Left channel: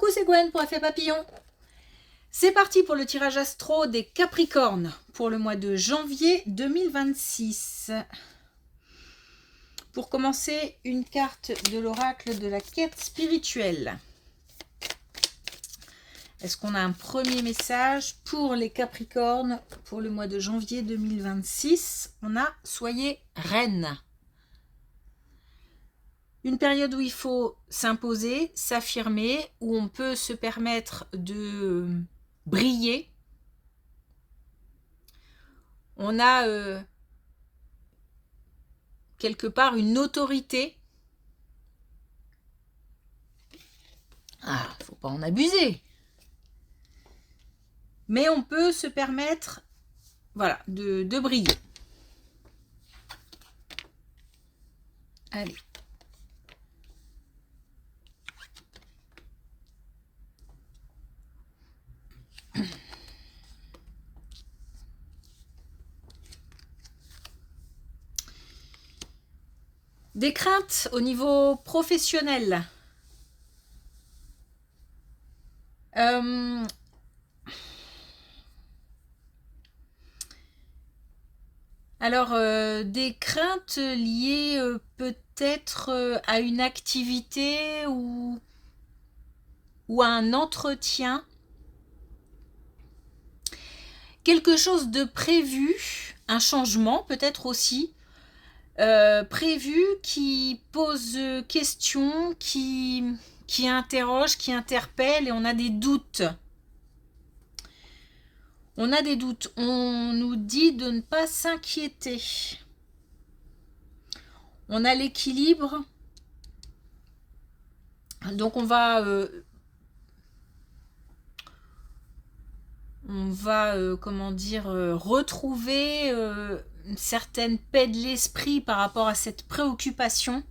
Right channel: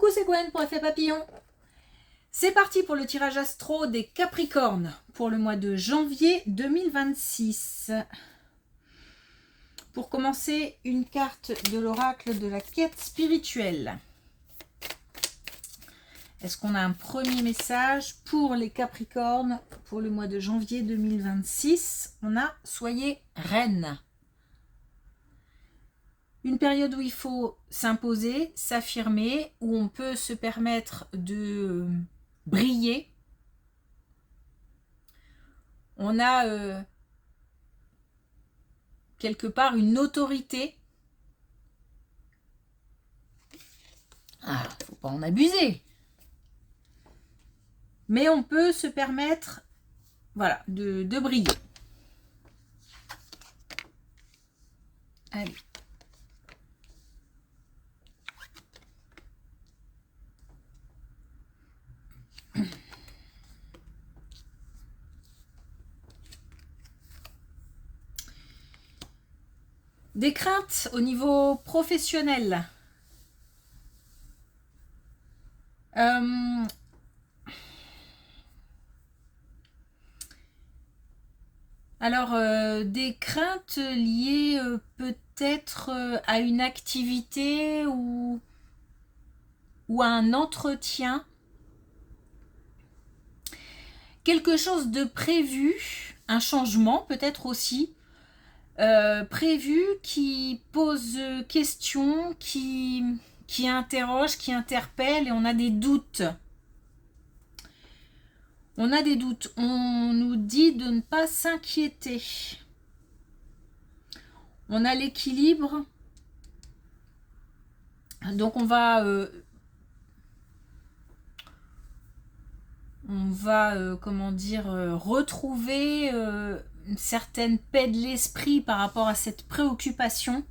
Coucou, c'est Gwen pour Effet Papillon. C'est parti pour le tirage astro des Capricornes pour le mois de janvier 2026. Pour commencer, une carte de l'oracle de la quête spirituelle. Est-ce qu'on a un premier message pour les Capricornes pour le mois de janvier 2026? On a « Soyez reine ». Une période où il faut s'imposer, s'affirmer, où on peut se permettre de briller. On a quelque part une autorité. Ah, faut pas en abuser. Mais on peut se permettre, voilà, de briller. Allez. Des craintes au niveau professionnel. Des craintes liées peut-être à une activité ou à un entretien. Quelque chose de prévu, un changement peut-être aussi, prévu qui pose question, qui interroge, qui interpelle et on a des doutes. On a des doutes. On nous dit de ne pas s'inquiéter. On a l'équilibre. Donc on va comment dire, retrouver une certaine paix de l'esprit par rapport à cette préoccupation.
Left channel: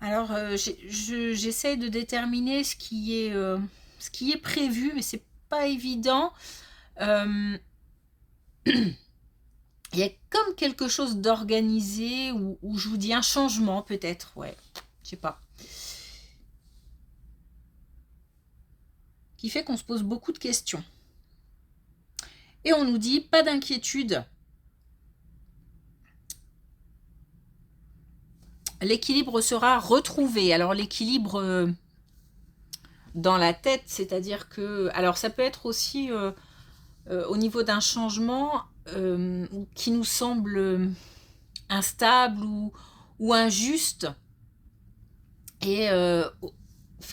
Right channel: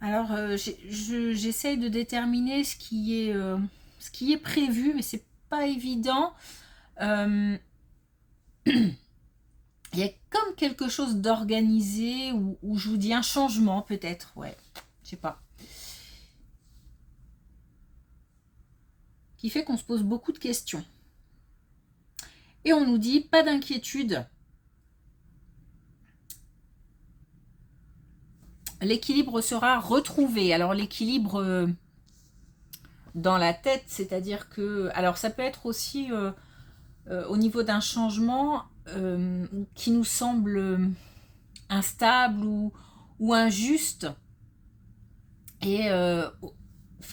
Alors, j'essaie de déterminer ce qui est prévu, mais c'est pas évident. Il y a comme quelque chose d'organisé où je vous dis un changement peut-être, ouais, je sais pas. Qui fait qu'on se pose beaucoup de questions. Et on nous dit pas d'inquiétude. L'équilibre sera retrouvé. Alors l'équilibre dans la tête, c'est-à-dire que... Alors ça peut être aussi au niveau d'un changement qui nous semble instable ou injuste et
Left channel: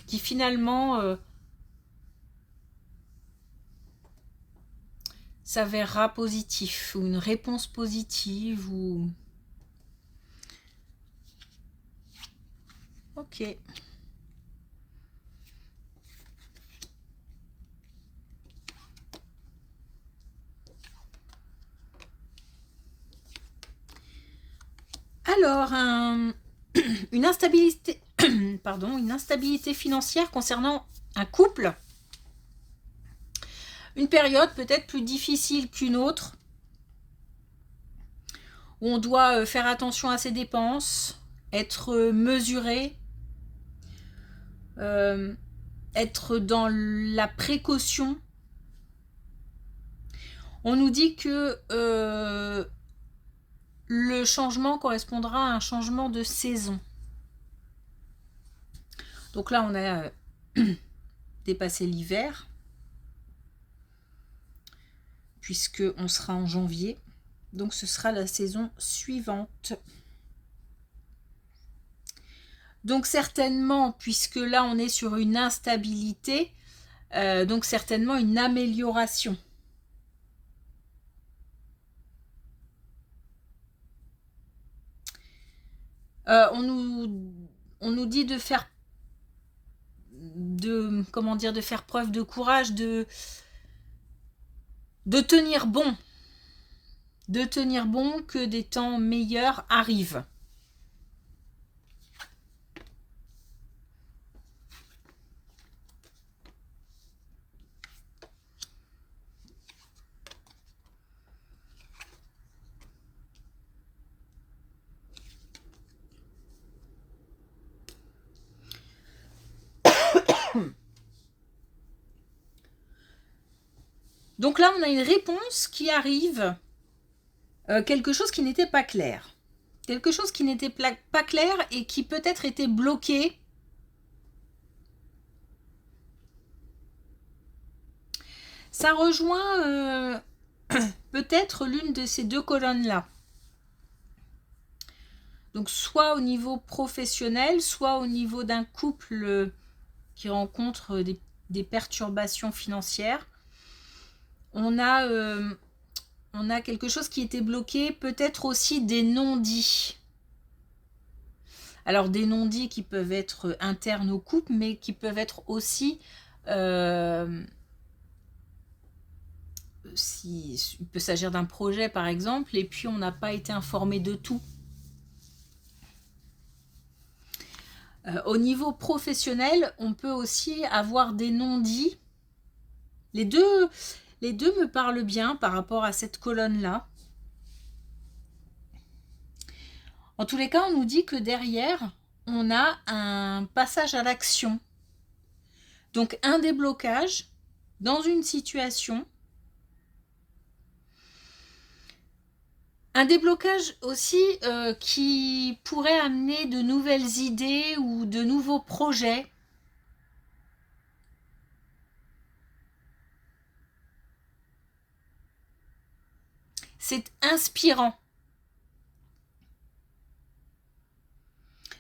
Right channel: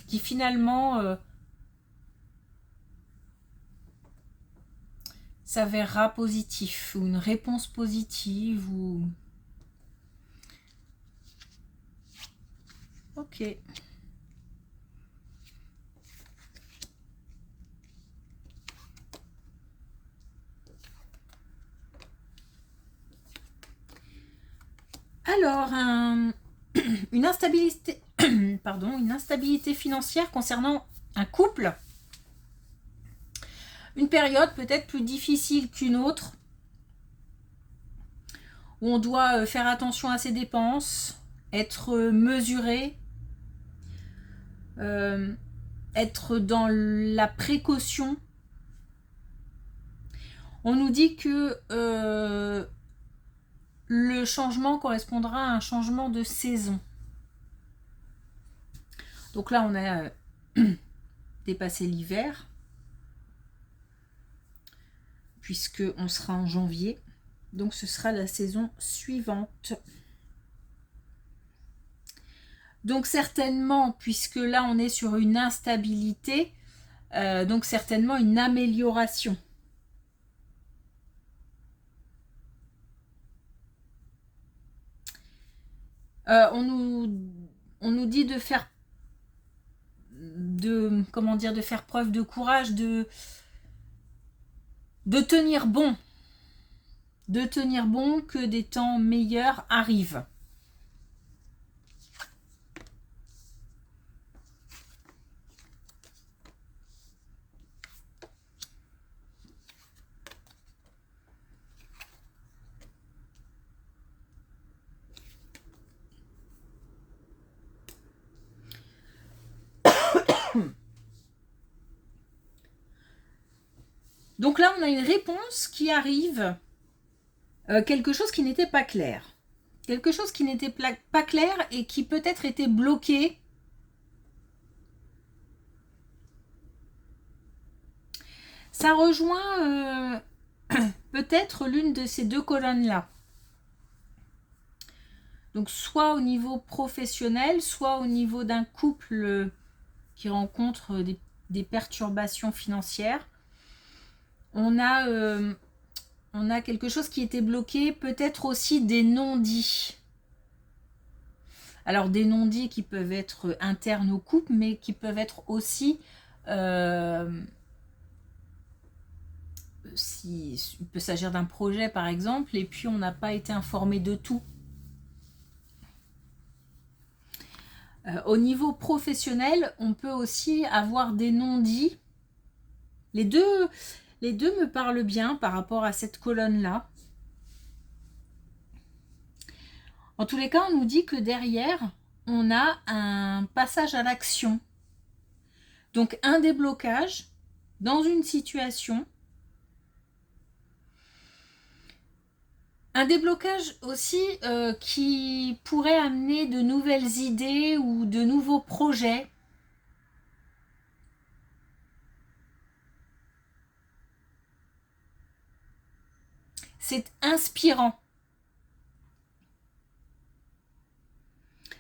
qui finalement s'avérera positif ou une réponse positive ou... Ok. Alors, une instabilité, une instabilité financière concernant un couple. Une période peut-être plus difficile qu'une autre, où on doit faire attention à ses dépenses, être mesuré, être dans la précaution. On nous dit que le changement correspondra à un changement de saison. Donc là, on a dépassé l'hiver, puisqu'on sera en janvier. Donc ce sera la saison suivante. Donc certainement, puisque là on est sur une instabilité, donc certainement une amélioration. On nous dit de faire de faire preuve de courage, de tenir bon. De tenir bon, que des temps meilleurs arrivent. Donc là, on a une réponse qui arrive, quelque chose qui n'était pas clair. Quelque chose qui n'était pas clair et qui peut-être était bloqué. Ça rejoint peut-être l'une de ces deux colonnes-là. Donc soit au niveau professionnel, soit au niveau d'un couple qui rencontre des perturbations financières. On a quelque chose qui était bloqué, peut-être aussi des non-dits. Alors des non-dits qui peuvent être internes au couple, mais qui peuvent être aussi... il peut s'agir d'un projet par exemple, et puis on n'a pas été informé de tout. Au niveau professionnel, on peut aussi avoir des non-dits. Les deux me parlent bien par rapport à cette colonne-là. En tous les cas, on nous dit que derrière, on a un passage à l'action. Donc un déblocage dans une situation. Un déblocage aussi qui pourrait amener de nouvelles idées ou de nouveaux projets. C'est inspirant.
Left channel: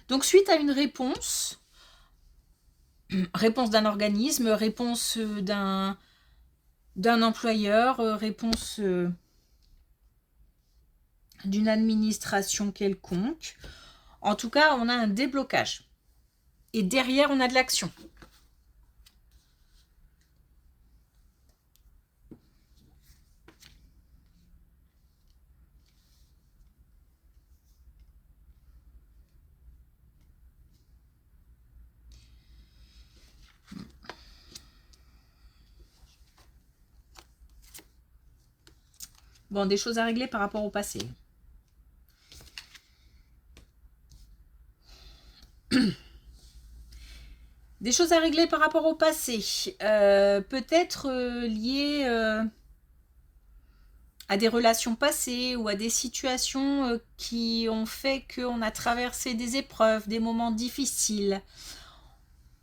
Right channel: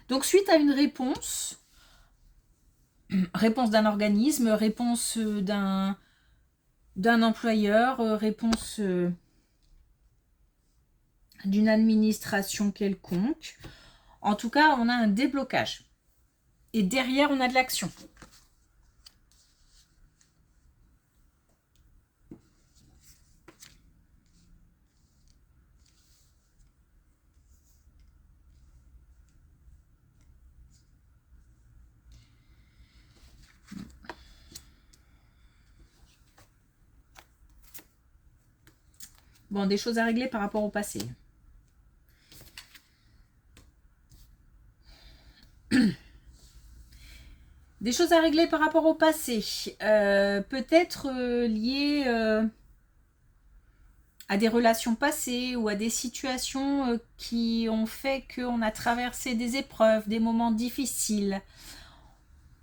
Donc suite à une réponse d'un organisme, réponse d'un employeur, réponse d'une administration quelconque. En tout cas, on a un déblocage. Et derrière, on a de l'action. Bon, des choses à régler par rapport au passé. Des choses à régler par rapport au passé. Peut-être liées à des relations passées ou à des situations qui ont fait qu'on a traversé des épreuves, des moments difficiles.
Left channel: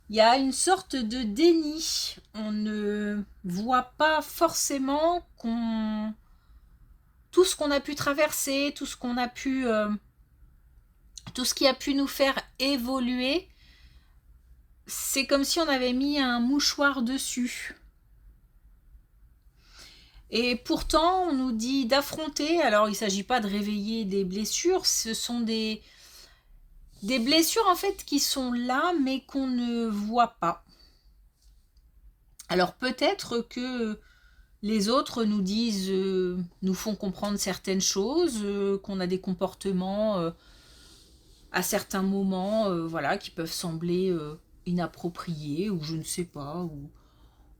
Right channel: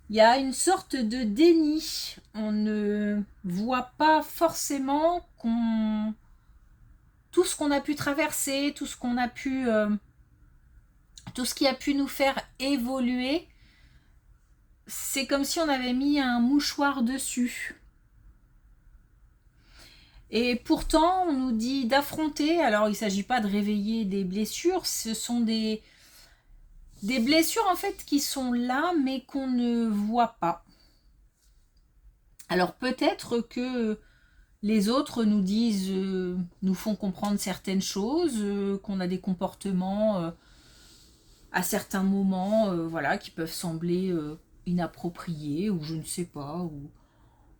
Il y a une sorte de déni. On ne voit pas forcément tout ce qu'on a pu traverser, tout ce qui a pu nous faire évoluer, c'est comme si on avait mis un mouchoir dessus. Et pourtant, on nous dit d'affronter. Alors, il ne s'agit pas de réveiller des blessures, ce sont des blessures en fait qui sont là, mais qu'on ne voit pas. Alors, peut-être que les autres nous disent, nous font comprendre certaines choses, qu'on a des comportements à certains moments, voilà, qui peuvent sembler inappropriés, ou je ne sais pas,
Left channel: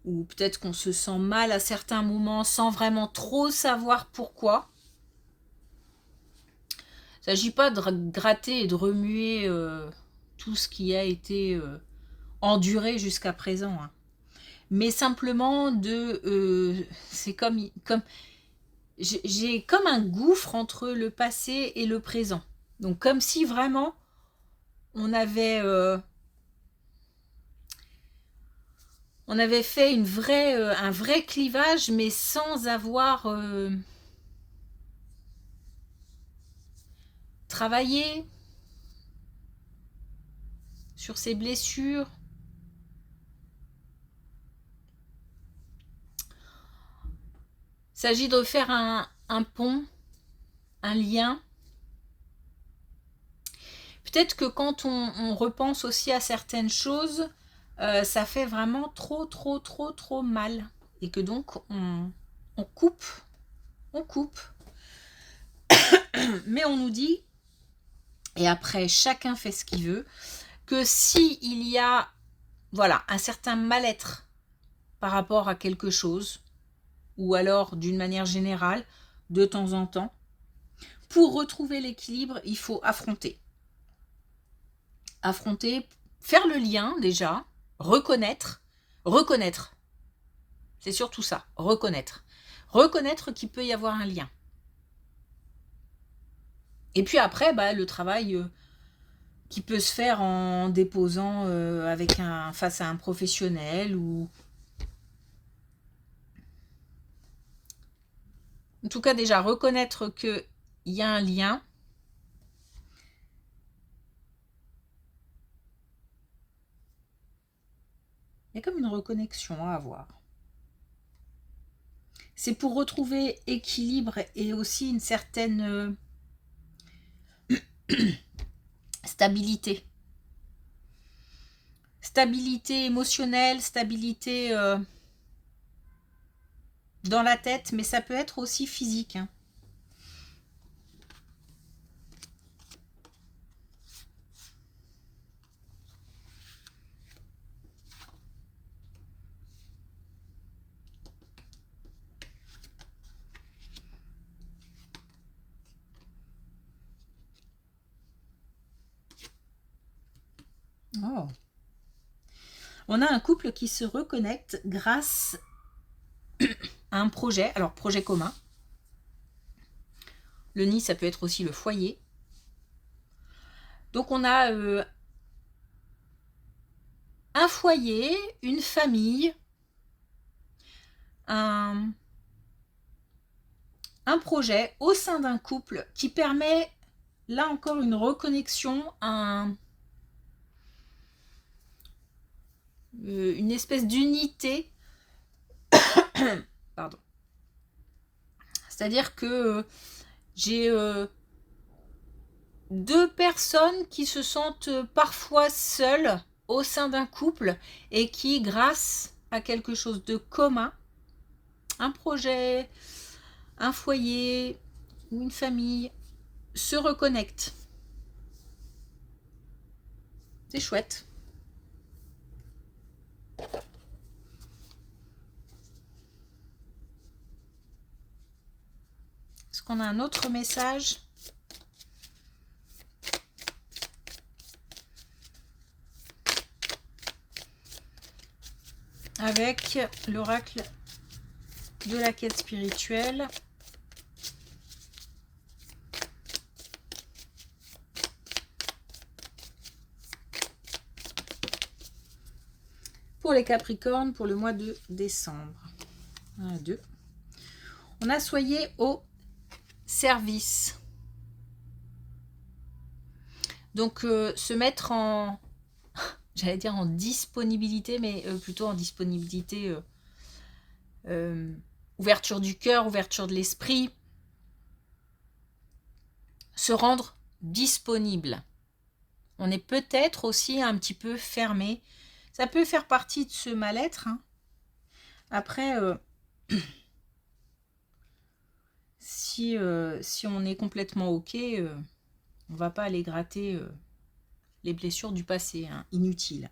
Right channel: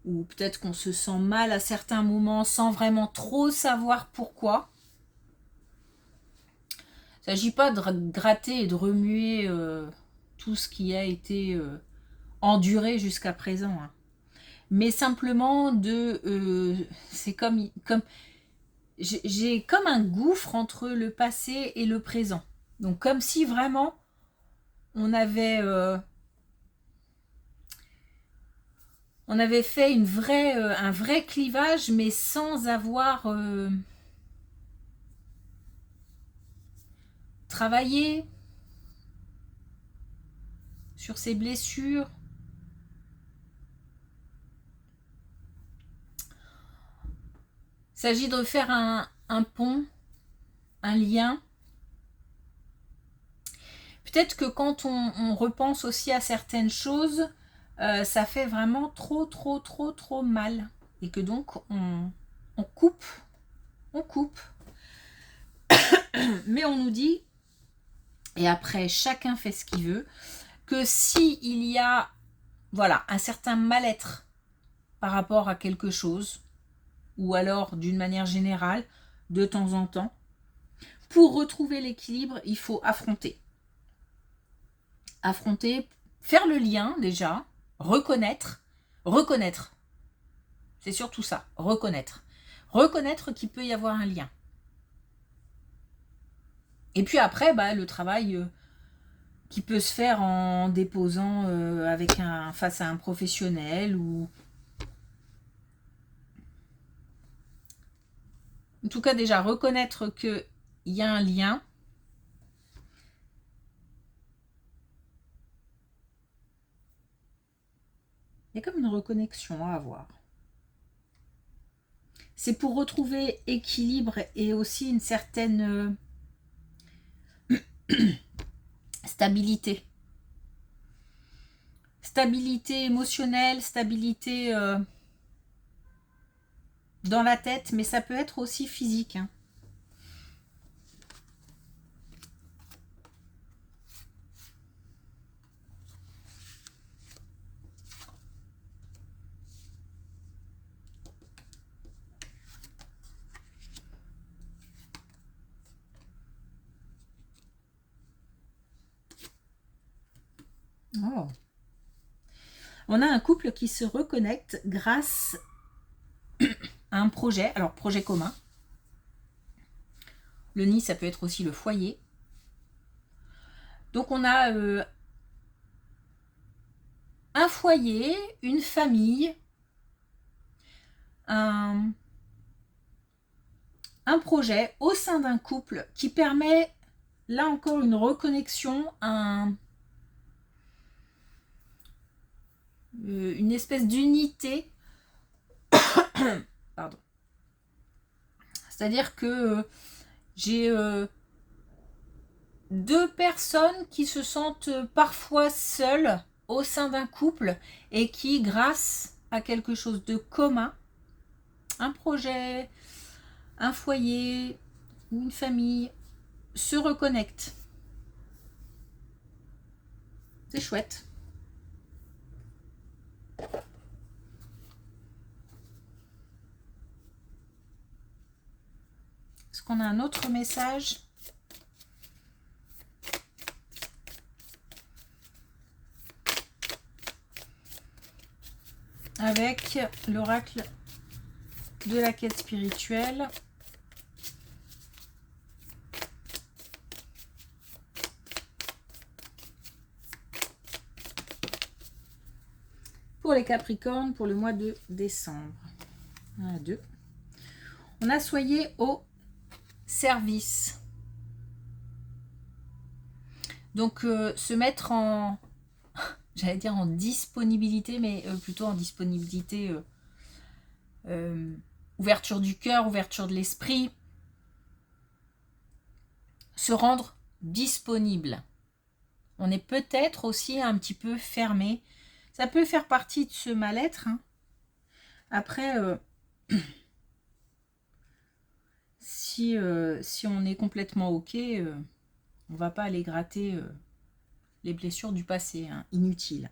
ou peut-être qu'on se sent mal à certains moments sans vraiment trop savoir pourquoi. Il ne s'agit pas de gratter et de remuer tout ce qui a été enduré jusqu'à présent, hein. Mais simplement c'est comme j'ai comme un gouffre entre le passé et le présent. Donc comme si vraiment on avait fait un vrai clivage, mais sans avoir travaillé sur ses blessures. Il s'agit de faire un pont, un lien. Peut-être que quand on repense aussi à certaines choses, ça fait vraiment trop mal. Et que donc, on coupe. On coupe. Mais on nous dit, et après, chacun fait ce qu'il veut, que s'il y a, voilà, un certain mal-être par rapport à quelque chose, ou alors d'une manière générale, de temps en temps, pour retrouver l'équilibre, il faut affronter. Affronter, faire le lien déjà, reconnaître. C'est surtout ça, reconnaître. reconnaître qu'il peut y avoir un lien. Et puis après, le travail qui peut se faire en déposant face à un professionnel ou... En tout cas, déjà, reconnaître qu'il y a un lien. Il y a comme une reconnexion à avoir. C'est pour retrouver équilibre et aussi une certaine stabilité. Stabilité émotionnelle, stabilité dans la tête, mais ça peut être aussi physique. Hein. Oh. On a un couple qui se reconnecte grâce à un projet, alors projet commun. Le nid, ça peut être aussi le foyer. Donc on a un foyer, une famille, un projet au sein d'un couple qui permet, là encore, une reconnexion, une espèce d'unité. Pardon. C'est-à-dire que j'ai deux personnes qui se sentent parfois seules au sein d'un couple et qui, grâce à quelque chose de commun, un projet, un foyer, une famille, se reconnectent. C'est chouette. Est-ce qu'on a un autre message ? Avec l'oracle de la quête spirituelle. Pour les Capricornes, pour le mois de décembre. 1, 2. On a soyez au service. Donc, se mettre en... J'allais dire en disponibilité, mais plutôt en disponibilité... ouverture du cœur, ouverture de l'esprit. Se rendre disponible. On est peut-être aussi un petit peu fermé. Ça peut faire partie de ce mal-être. Hein. Après, si on est complètement OK, on ne va pas aller gratter les blessures du passé, hein, inutiles.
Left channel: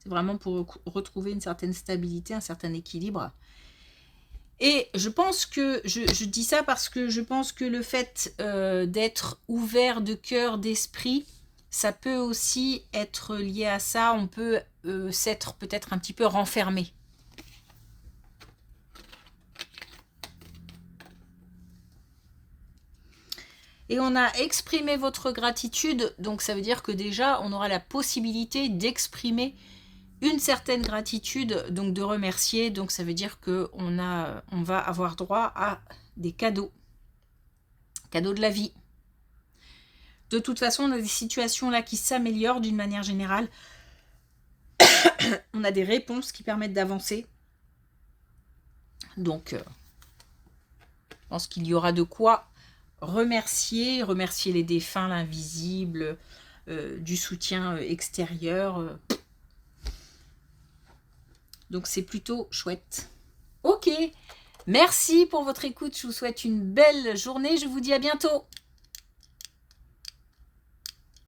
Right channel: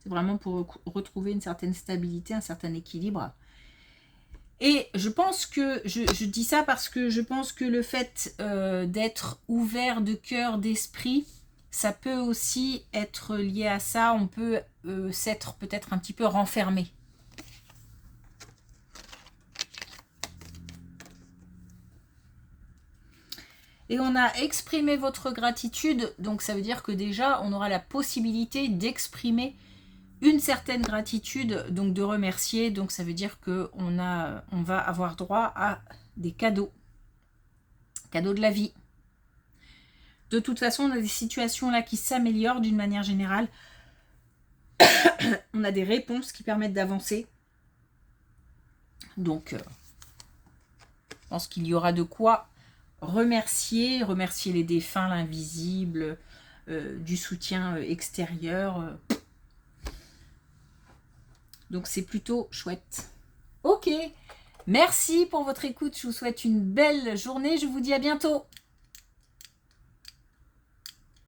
C'est vraiment pour retrouver une certaine stabilité, un certain équilibre. Et je pense que, je dis ça parce que je pense que le fait d'être ouvert de cœur, d'esprit, ça peut aussi être lié à ça. On peut s'être peut-être un petit peu renfermé. Et on a exprimé votre gratitude, donc ça veut dire que déjà, on aura la possibilité d'exprimer une certaine gratitude, donc de remercier. Donc ça veut dire qu'on va avoir droit à des cadeaux. Cadeaux de la vie. De toute façon, on a des situations là qui s'améliorent d'une manière générale. On a des réponses qui permettent d'avancer. Donc, je pense qu'il y aura de quoi remercier les défunts, l'invisible, du soutien extérieur. Donc, c'est plutôt chouette. Ok, merci pour votre écoute. Je vous souhaite une belle journée. Je vous dis à bientôt.